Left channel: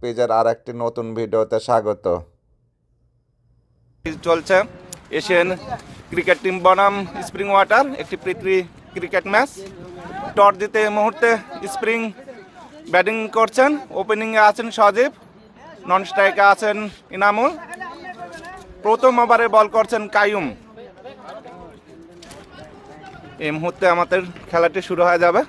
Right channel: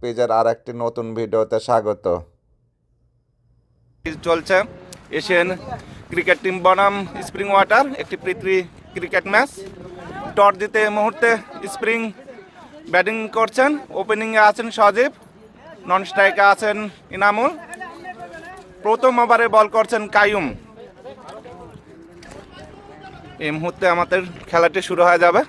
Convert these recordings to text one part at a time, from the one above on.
পেজের আর একটি নতুন ভিডিওতে স্বাগত। চলছে এশিয়ান ক্রিকেট টিম বনাম স্প্রিং ওয়াটার একটি প্রীতি ক্রিকেট ম্যাচ। টস জিতে এই মুহূর্তে স্প্রিং ব্যাটিং করছেন। ওপেনিংয়ে আছেন সজীব, নন স্ট্রাইকে আছেন ইনামুল। প্রথম ওভারে বল করছেন কাইয়ুম। এই মুহূর্তে আমাদের খেলাটি শুরু হয়ে যাবে।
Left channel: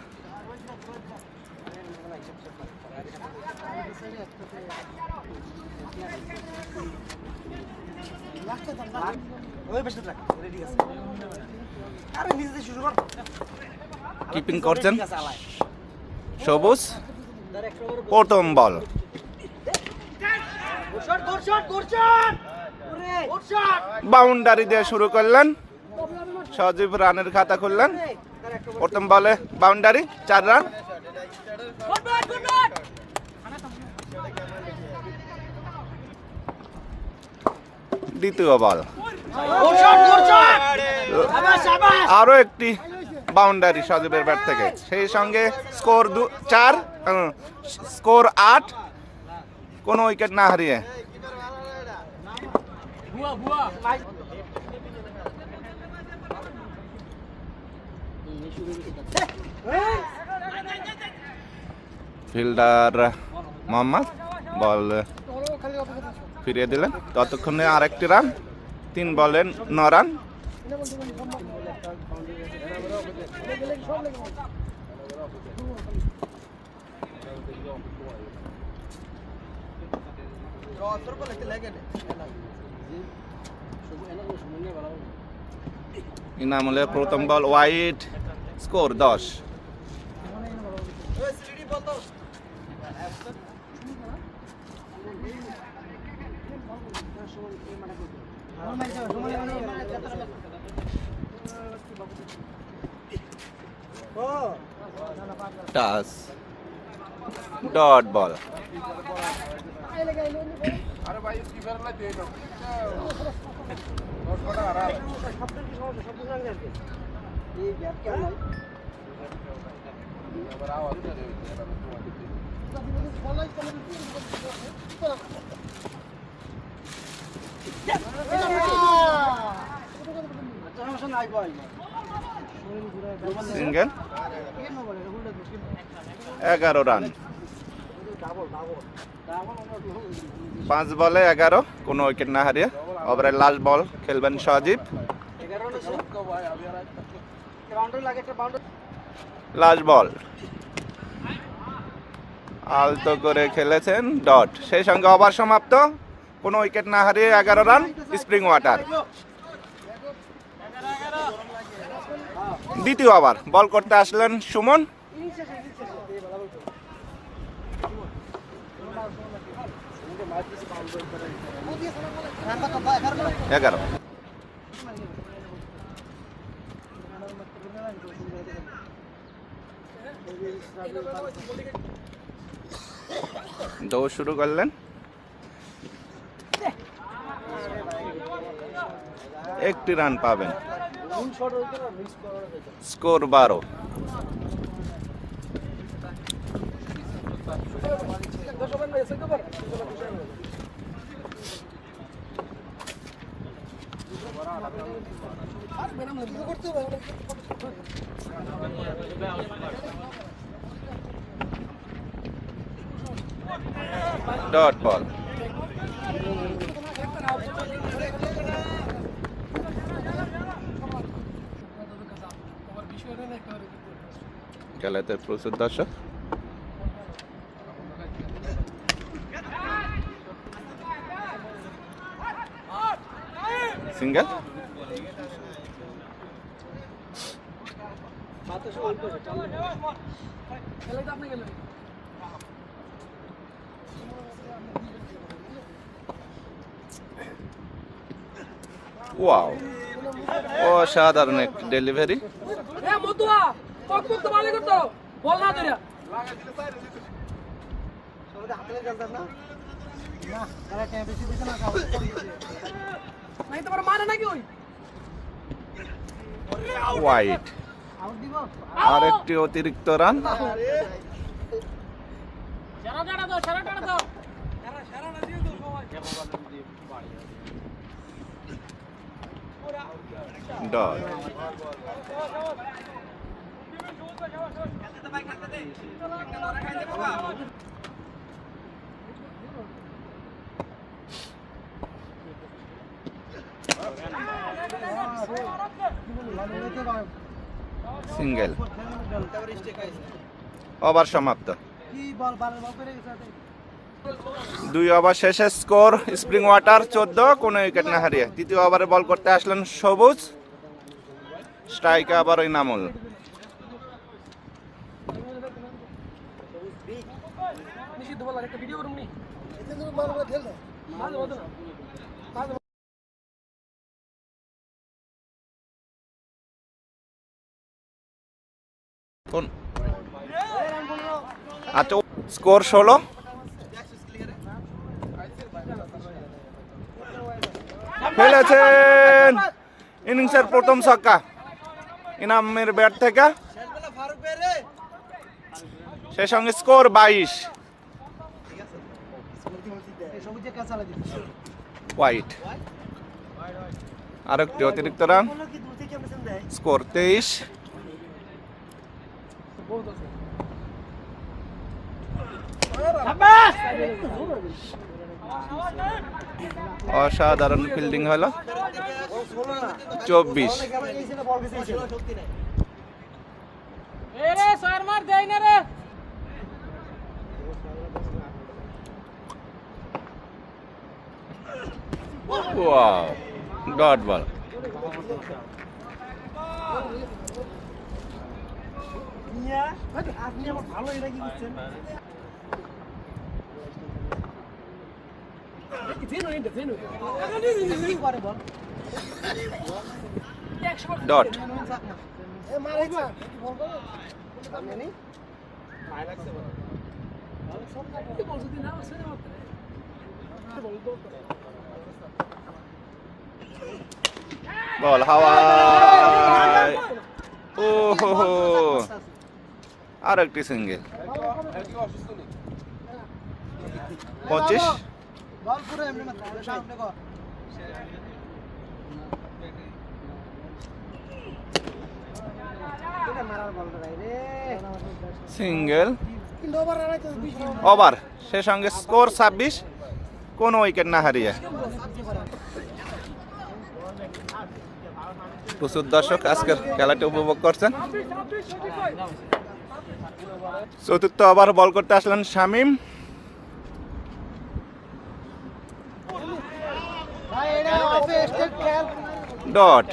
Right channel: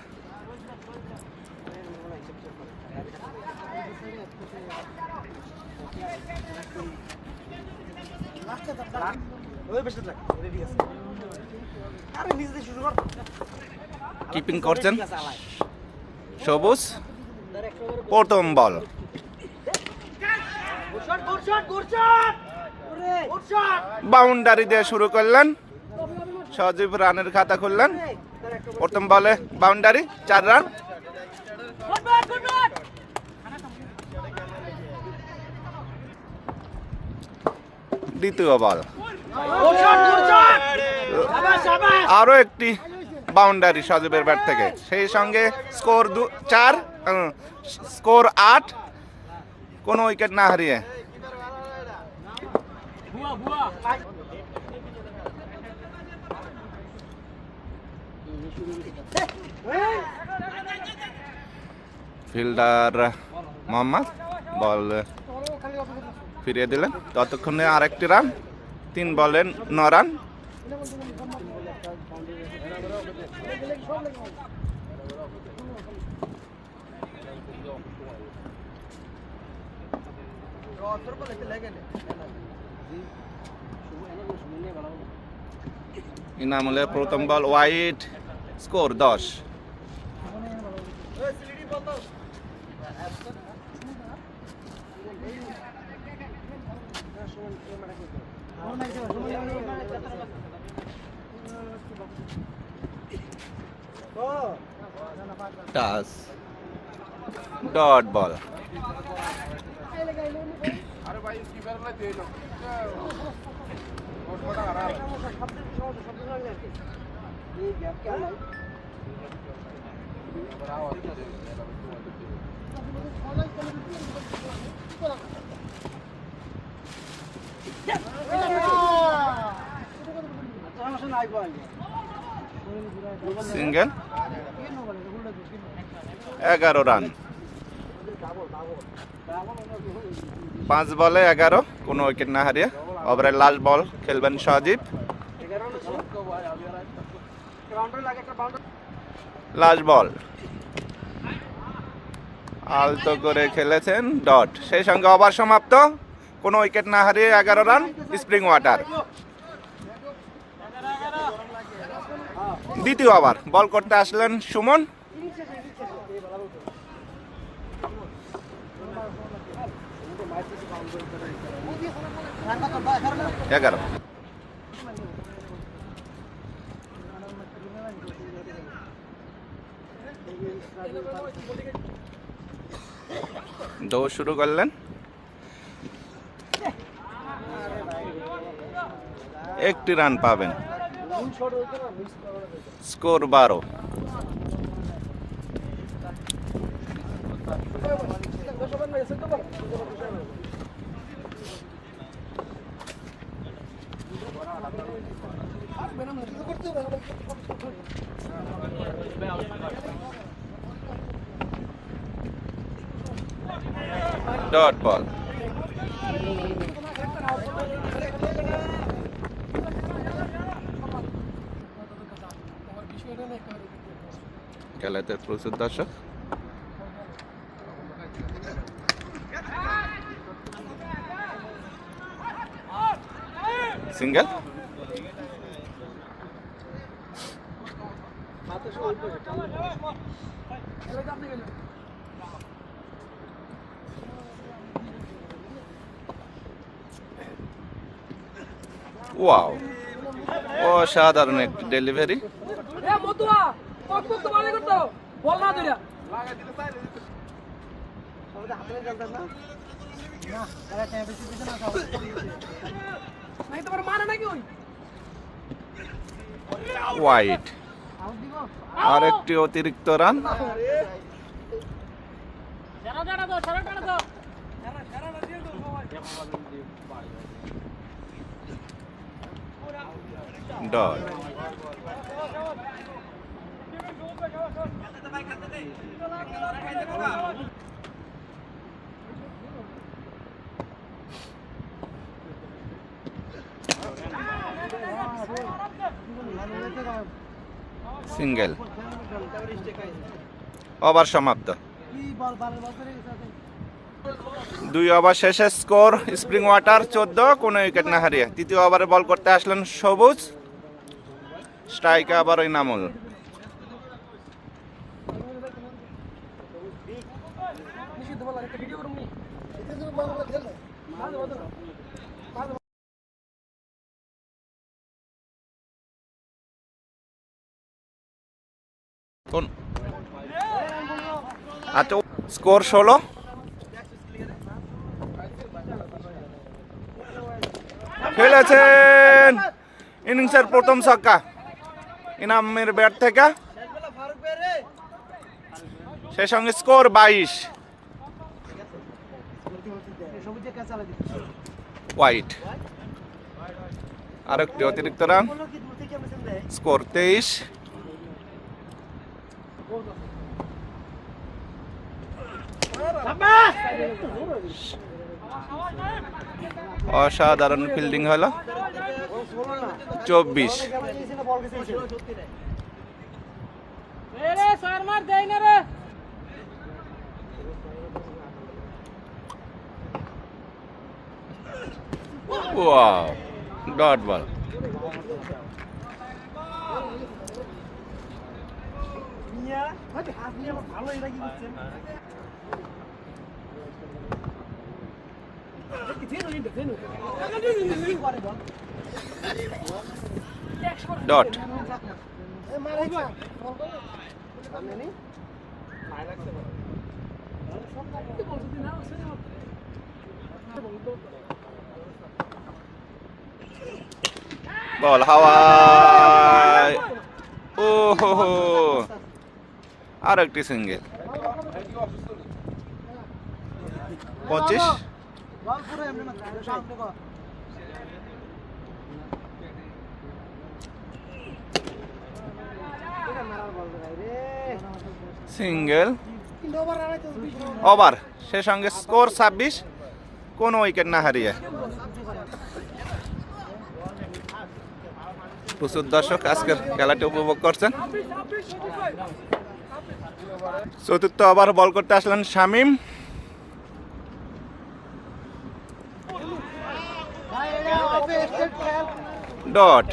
কিপিং করছেন সবুজ। প্রথম বল, বাউন্ডারি দিয়ে শুরু করলেন। সজীব রানের খাতা খুললেন। প্রথম বলে বাউন্ডারি, 4 রান। দ্বিতীয় বল, আরো একটি বাউন্ডারি সজীবের ব্যাট থেকে। সেই সঙ্গে স্কোর 4, স্কোর 8, কোনো উইকেট না হারিয়ে। ফিল্ডার মোহাম্মদ বল ফিরিয়ে দিলেন। ততক্ষণে আরেকটি রান, 3 বলে 9 রান। ইনামুলের প্রথম বল ওয়াইড, স্কোর 10। টাস, ডট বল। Single, 11 run. 5 বলে 11, কোনো উইকেট না হারিয়ে। ওভারের লাস্ট বল খেলবেন সজীব। লাস্ট বল আলতো করে খেলেছেন, ডট। সেই সঙ্গে ওভার সমাপ্ত, কোনো উইকেট না হারিয়ে 11 রান স্প্রিং ওয়াটার। দ্বিতীয় ওভার বল করতে আসলেন সুমন। এগারো। দৌড় শুরু করলেন। একটি রান পাবেন। স্কোর 12। Dot ball. খেলাতে প্রচুর দর্শক। সিঙ্গেল, ওয়াও, অসাধারণ একটি ডেলিভারি। ওয়াইড, আর একটি অতিরিক্ত রান। ডট। সিঙ্গেল। ওভার সমাপ্ত। 2 ওভার শেষে স্কোর স্প্রিং ওয়াটার 14, কোনো উইকেট না হারিয়ে। তৃতীয় ওভারে বল করতে আসলেন সবুজ, স্ট্রাইকে আবার ইনামুল। আচ্ছা, স্কোর 16। খেলেছেন ইনিংসের প্রথম ছক্কা ইনামের ব্যাট থেকে, সেই সঙ্গে স্কোর 22। হোয়াইট। আরেকটি অতিরিক্ত রান, স্কোর 23। অসাধারণ ফিল্ডিং হলো, 24। Wow, dot ball. ডট। বল হাওয়ায়, ও হো, আর একটি সিঙ্গেল। 25। সিঙ্গেল। ওভার, সে সঙ্গে স্কোর 26, কোনো উইকেট না হারিয়ে। প্রচুর দর্শক আজকের খেলাটি উপভোগ করছেন। চতুর্থ ওভার বল করতে আসলেন শামীম। ডট।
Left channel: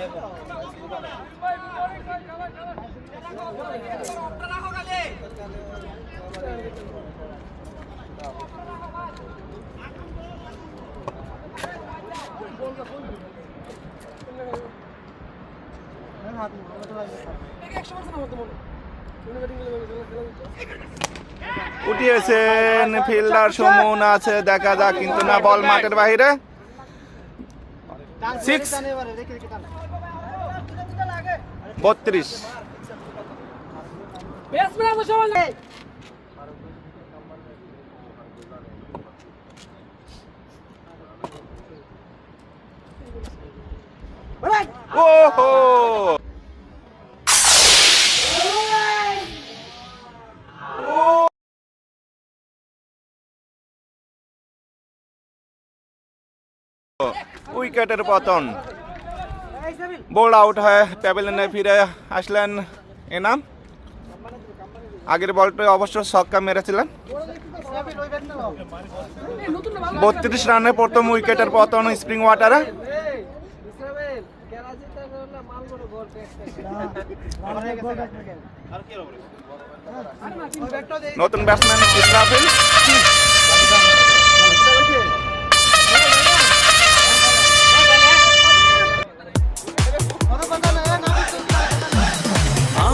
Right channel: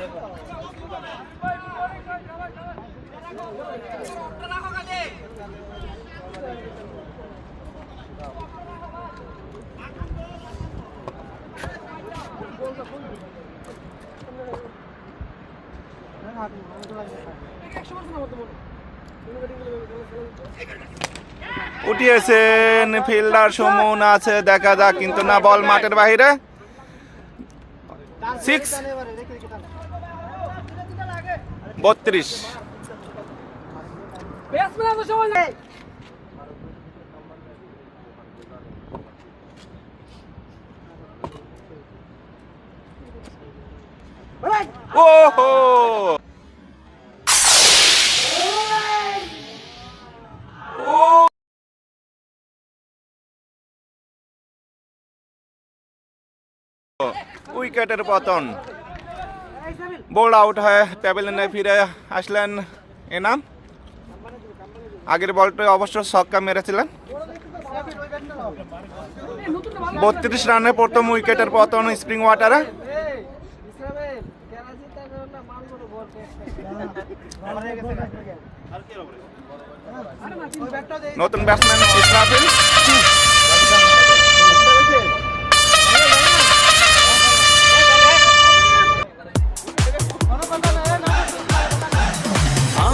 উঠিয়েছেন ফিল্ডার সুমন আছে, দেখা যাক, কিন্তু না, বল মাঠের বাহিরে। 6। 32। ওহো, উইকেটের পতন। বোল্ড আউট হয়ে প্যাভিলিয়নে ফিরে আসলেন এনাম। আগের বলটা অবশ্য ছক্কা মেরেছিলেন। 32 রানে প্রথম উইকেটের পতন স্প্রিং ওয়াটারে। নতুন ব্যাটসম্যান ইসরাফিল।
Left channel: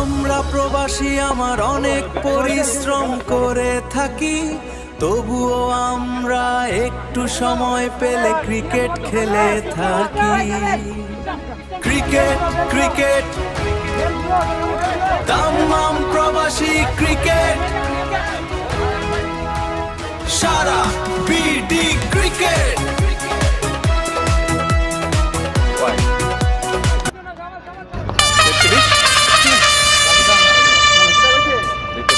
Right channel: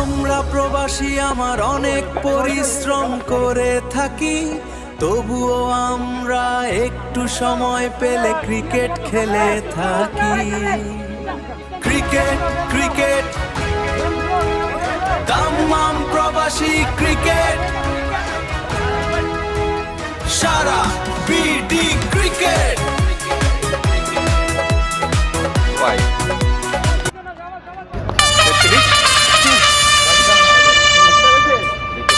আমরা প্রবাসী, আমার অনেক পরিশ্রম করে থাকি, তবুও আমরা একটু সময় পেলে ক্রিকেট খেলে থাকি। ক্রিকেট ক্রিকেট তামাম প্রবাসী ক্রিকেট সারা